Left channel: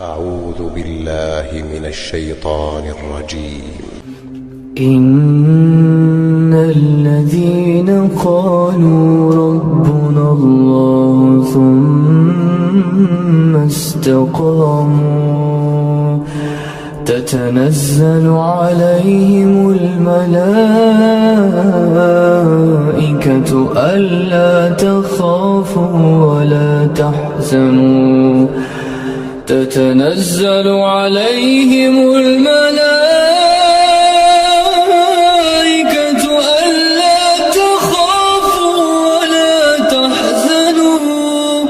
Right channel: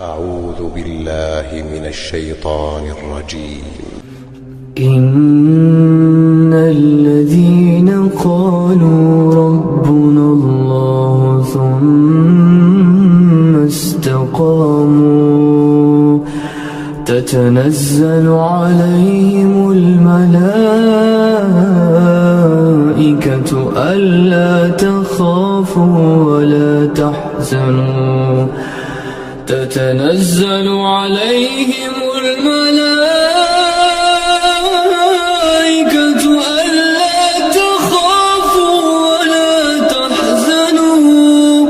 أعوذ بالله من الشيطان الرجيم. إن الذين قالوا ربنا الله ثم استقاموا تتنزل عليهم الملائكة ألا تخافوا ولا تحزنوا تتنزل عليهم الملائكة ألا تخافوا ولا تحزنوا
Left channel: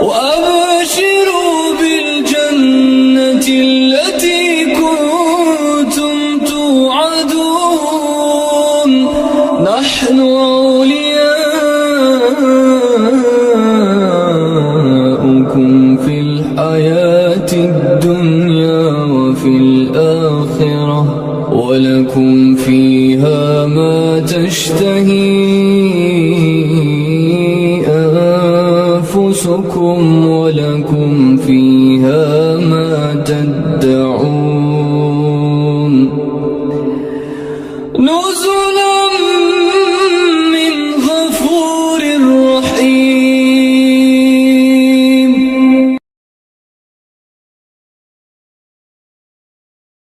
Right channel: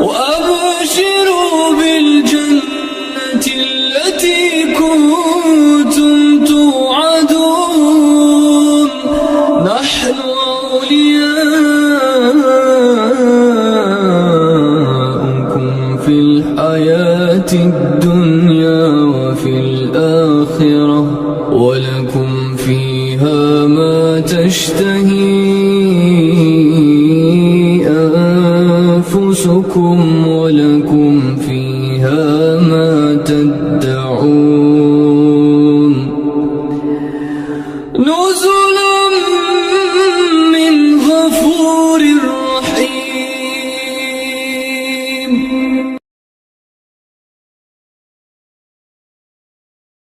وأبشروا بالجنة التي كنتم توعدون نحن أولياؤكم في الحياة الدنيا وفي الآخرة ولكم فيها ما تشتهي أنفسكم ولكم فيها ما تدعون.